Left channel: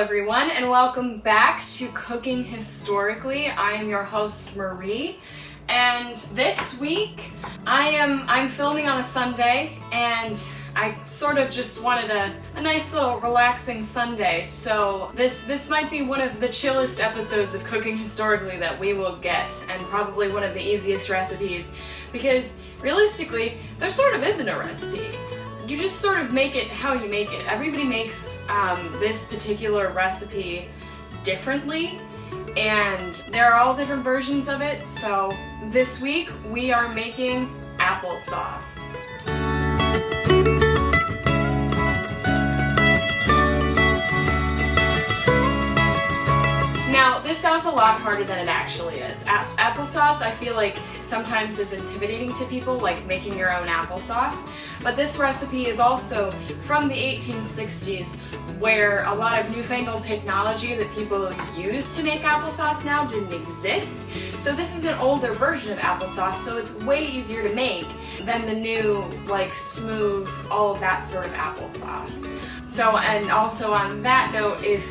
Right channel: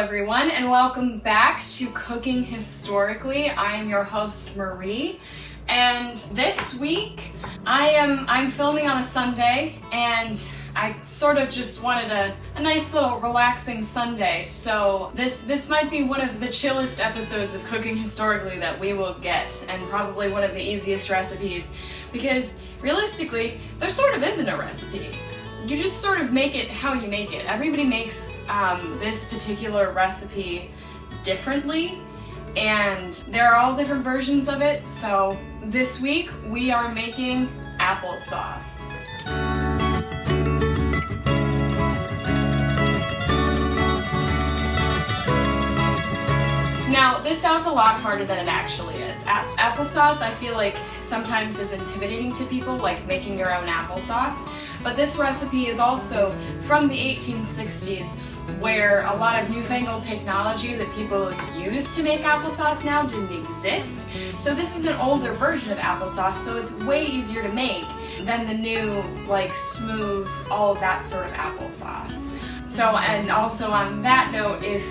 everyone, and welcome back to Cooking Historically. I am your host, Marie, and this week I'm filming on a Sunday, and I sort of just wanted a nice little relaxing Sunday, so this might be one of the chillest episodes of Cooking Historically that we will get, and probably one of the easiest recipes, because realistically, there sort of isn't a recipe. You just sort of make it how you make it. Everybody makes this particular recipe differently, and there are all different versions of it. So this week we are making applesauce. Now, this sounds a lot harder than it actually is. Applesauce, I feel like, sometimes is intimidating to people, like making your own applesauce. But this recipe is also from the 1860s, where a lot of newfangled technology that people use to make applesauce now didn't exist. So this is an older version of applesauce, so it's way easier to make than the new, like, smooth, all of that sort of applesauce. So, and also on that note, if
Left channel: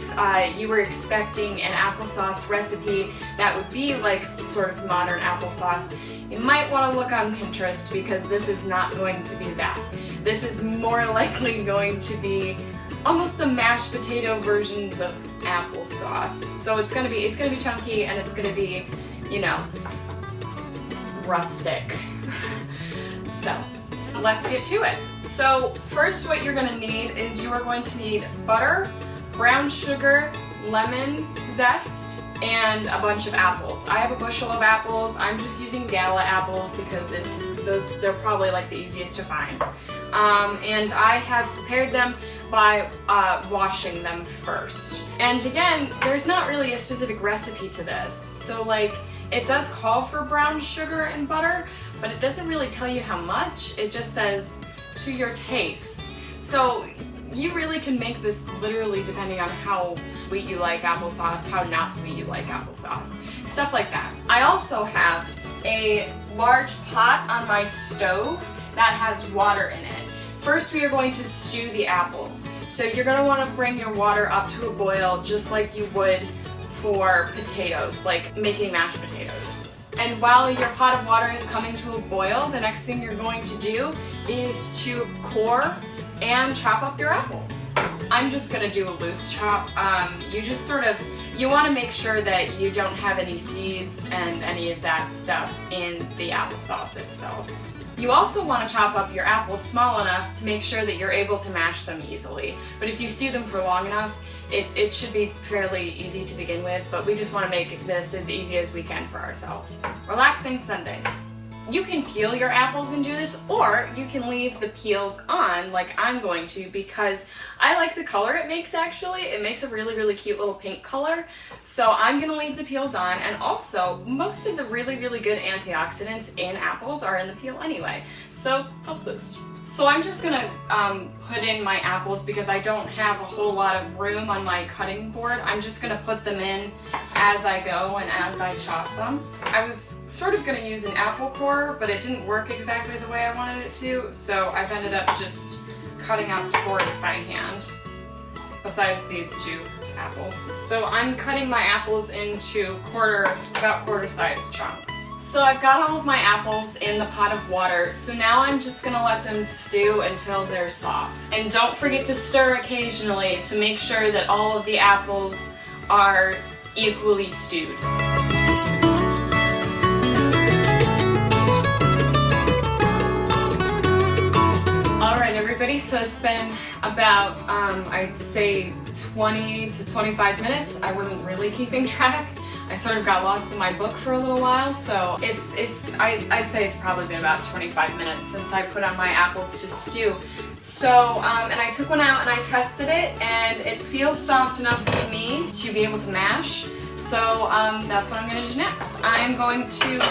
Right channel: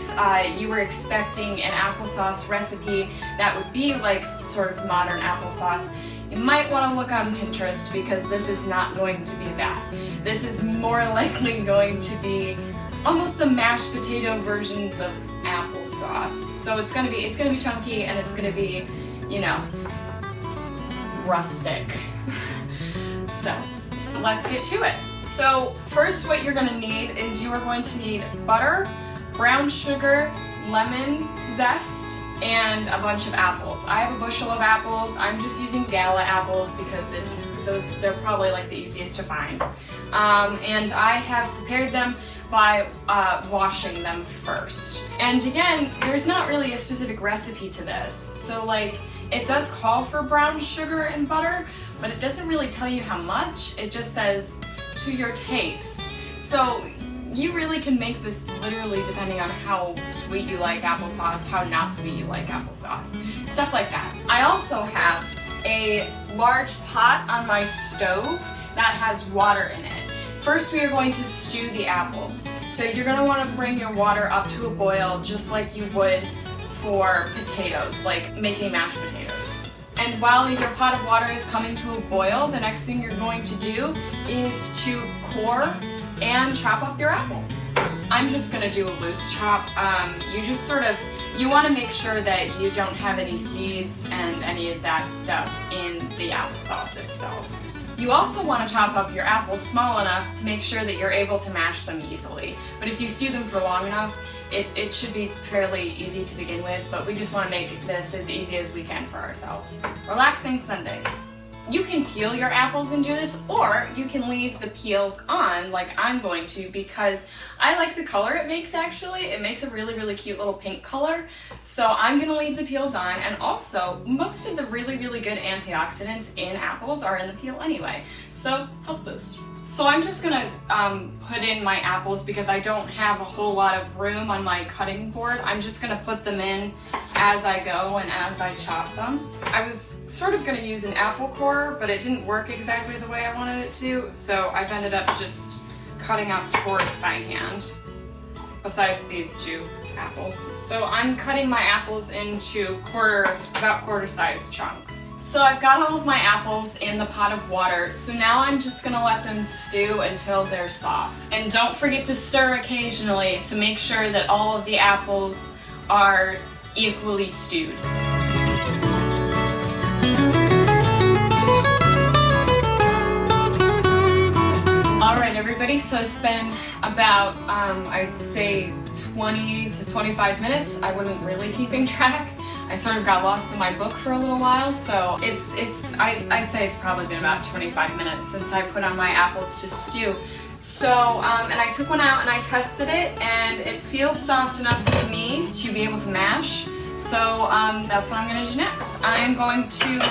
you were expecting an applesauce recipe that would be like sort of modern applesauce, you might want to look on Pinterest, because this is not going to be that. This is more likely going to be almost the mashed potato versions of applesauce. So it's gonna be chunky, and it's gonna be, you know, rustic. So let's get to it. So first, what you're going to need is you are going to need butter, brown sugar, lemon zest, and a bunch of apples. I have a bushel of apples. I'm just using gala apples because they're probably like the easiest to find. And I have prepared them by washing them first. And again, there's not really a specific recipe to this. So like, it does call for brown sugar and butter, but it doesn't really tell you how much. It just says to your taste. So you really can make this literally depending on how sweet you like applesauce, how not sweet you like applesauce, stuff like that. I also have a large pot on my stove that has water in it. First, we are going to stew the apples. So you're going to want to bring your water up to a boil just like you would for potatoes, like making mashed potatoes. And while your pot of water is coming to a boil, the next thing you're going to do is to core and chop up your apples. I'm just gonna do a loose chop. You want to make sure that you don't have any seeds and any of that stuff in the applesauce itself. You also want to chop up your apples small enough to make sure that you're able to mash them easily. But if you stew them for long enough, it should be fairly easy to begin with, but we just want to make this as easy as we can for ourselves. Relaxing Sunday. You can peel your apples and do this, or you can leave the peels on like I'm going to, because I like the color it makes actually. It makes a really, really cute little pink color. So I'm going to leave the peels on, and also most of the really, really good antioxidants in apples are in the peel anyway. So health boost. So I'm just going to put in my apples because I don't have a whole lot of room on my cutting board. I'm just going to put them in as I go and as I chop them. I was sort of going to use an apple core, but it didn't work exactly the way I wanted it to, so I've ended up just cutting up cores by hand, besides these two apples. So I'm cutting my apples into about quarter-sized chunks. So I've got all of my apples in the pot of water, so now I'm just gonna let them stew until they're soft. And don't forget to stir occasionally to make sure that all of the apples are equally stewed. Alright everybody, so it's been about, I'd say 20 to 25 minutes. I wasn't really keeping track. I sort of got lost in my book for a little while, so I'd say it's probably been about 25 minutes since I put on my apples to stew. So, and I took one out and I tested it, and it feels soft enough to me to be able to mash. So that's what I'm going to do next. I am going to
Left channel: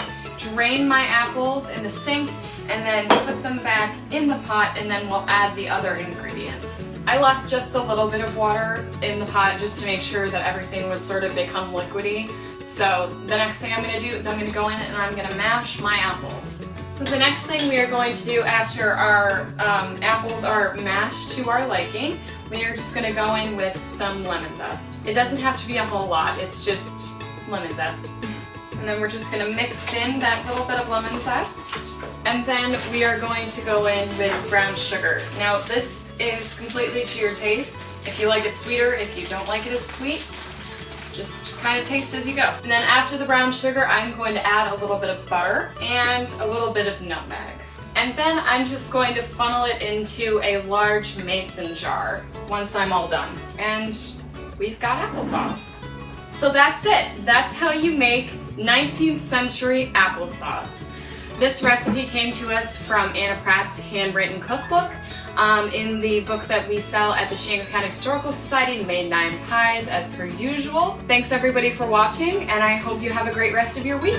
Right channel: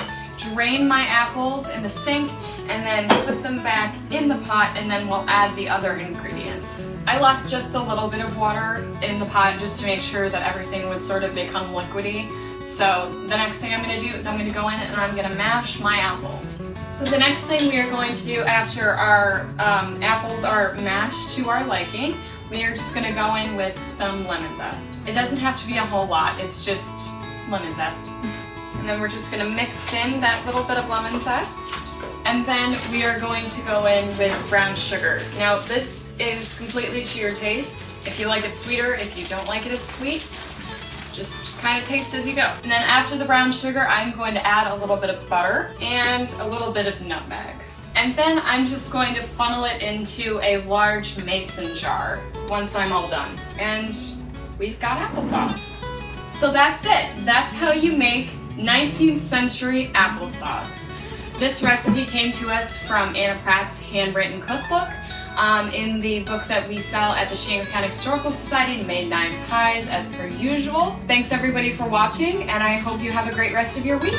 drain my apples in the sink and then put them back in the pot, and then we'll add the other ingredients. I left just a little bit of water in the pot just to make sure that everything would sort of become liquidy. So the next thing I'm going to do is I'm going to go in and I'm going to mash my apples. So the next thing we are going to do after our apples are mashed to our liking, we are just gonna go in with some lemon zest. It doesn't have to be a whole lot, it's just lemon zest. And then we're just gonna mix in that little bit of lemon zest. And then we are going to go in with brown sugar. Now this is completely to your taste. If you like it sweeter, if you don't like it as sweet, just kind of taste as you go. And then after the brown sugar, I'm going to add a little bit of butter and a little bit of nutmeg. And then I'm just going to funnel it into a large mason jar once I'm all done. And we've got applesauce. So that's it. That's how you make 19th century applesauce. This recipe came to us from Anna Pratt's handwritten cookbook. In the book that we sell at the Chenango County Historical Society, Made 9 Pies, as per usual. Thanks everybody for watching, and I hope you have a great rest of your week.